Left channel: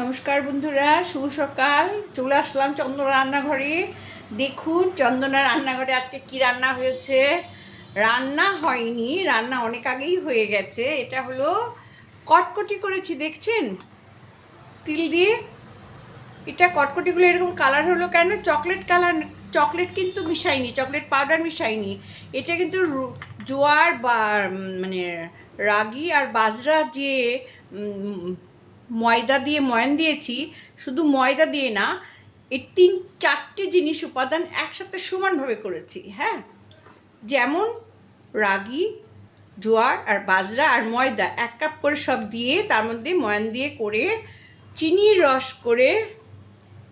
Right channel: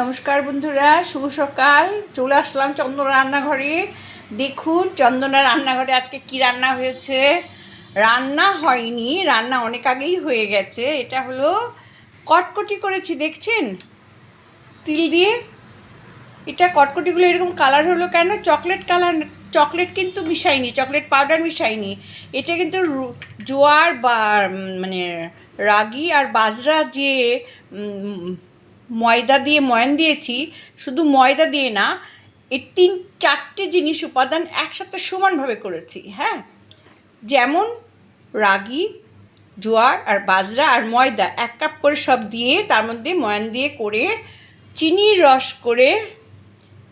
নমস্কার বন্ধুরা, শুভ সকাল। চলে আসলাম চন্দনা রান্নাঘরে। দেখুন, চন্দনা রান্নাঘরে আজকে কি রান্না হয়েছে? রান্না হয়নি, রান্না অনেক আগেই হয়ে গেছে। এটা হলো কটকটি করেছি, দেখছেন? তিল দিয়ে। এটা কটকটিগুলো এরকম কালার হলো কেন? চকলেট কালার, চকলেট কিন্তু মিশাইনি চকলেট পাউডার মিশাইনি এটা কিন্তু জোয়ার বা মানে রাগি আর বাজরা যে ময়দা দিয়ে ময়ান দিয়েছি, শুধু ময়দা দিয়ে না, এই তিন, চারটে জিনিস উপাদান একসাথে সমানভাবে করেছি হ্যাঁ? যেমন রাগি, জোয়ার আর বাজরা আর ময়দা, এক কাপ করে সব দিয়ে তার মধ্যে ময়ান দিয়ে করে চিনির রস করে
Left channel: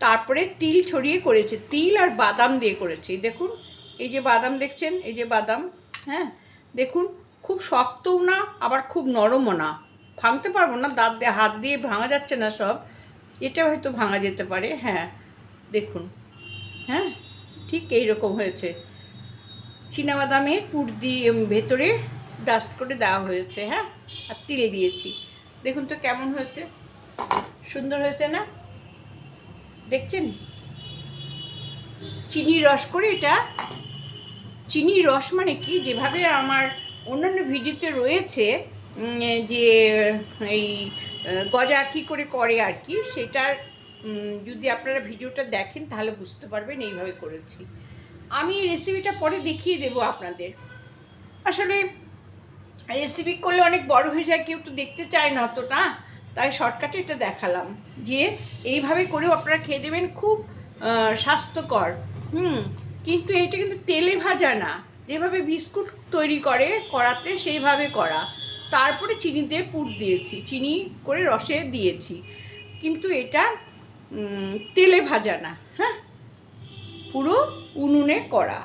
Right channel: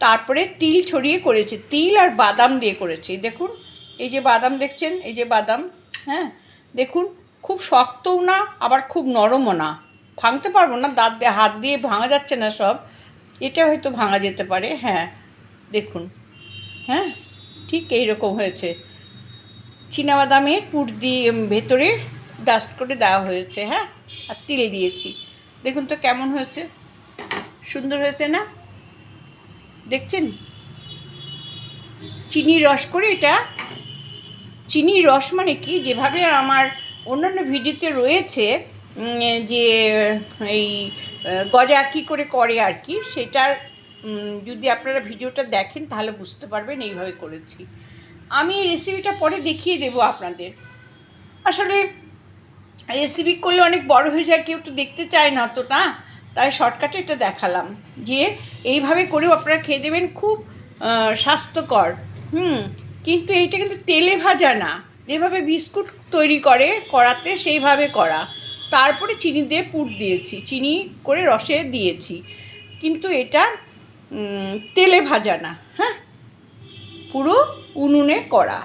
তারপরে তিল ছড়িয়ে করেছি, তিল আর বাদাম দিয়ে করেছি, দেখুন, এই যে বাদাম দেখছেন, এই যে বাদাম হ্যাঁ? দেখুন, খুব শক্তও না, আবার খুব নরমও না। ভাঙতে পারব না, দাঁত দিয়ে, হাত দিয়ে ভাঙা যাচ্ছে না সব। এটা হয়তো ভাঙা যেতে পারে হ্যাঁ দেখুন হ্যাঁ ঠিক এই রকম হয়েছে। বাদামের পুর দিয়ে ভেতরে ডাস্ট করে দেওয়া হয়েছে হ্যাঁ আর তিল দিয়েছি। দেখুন তো কেমন হয়েছে, সুন্দর হয়েছে না? দেখছেন? চিনির রস করে এটা চিনির রস মানে কি? যেভাবে আমার অন্যান্য ভিডিওতে রয়েছে যে, এই গজা কী করে করে আর কি, সেটার যদি আপনারা ভিডিওটা দেখেন তাহলে বুঝতে পারবেন, এইভাবে করেছি। আমি রেসিপিটা পরে দেখিয়ে দেবো আপনাদের। আসলে রেসিপি করলে অনেক বড় হয়ে যায়, কেউ তো দেখতে চায় না তো না তাই শর্টকাটে এটা দেখালাম। যে, এইভাবে করেও আপনারা খেয়ে দেবেন, খুব স্বাস্থ্যকর। হুম, কিন্তু এইটা কিন্তু তেলে ভাজা না। যেভাবে বিস্কুট তৈরি করে করাতে, সেইভাবে করা। তারপরে চিনি দিয়ে পুর দিয়েছি। চিনি করে রসে দিয়েছি। কিন্তু এটা তেলে ভাজা না হ্যাঁ? পুরো উনুনে করা।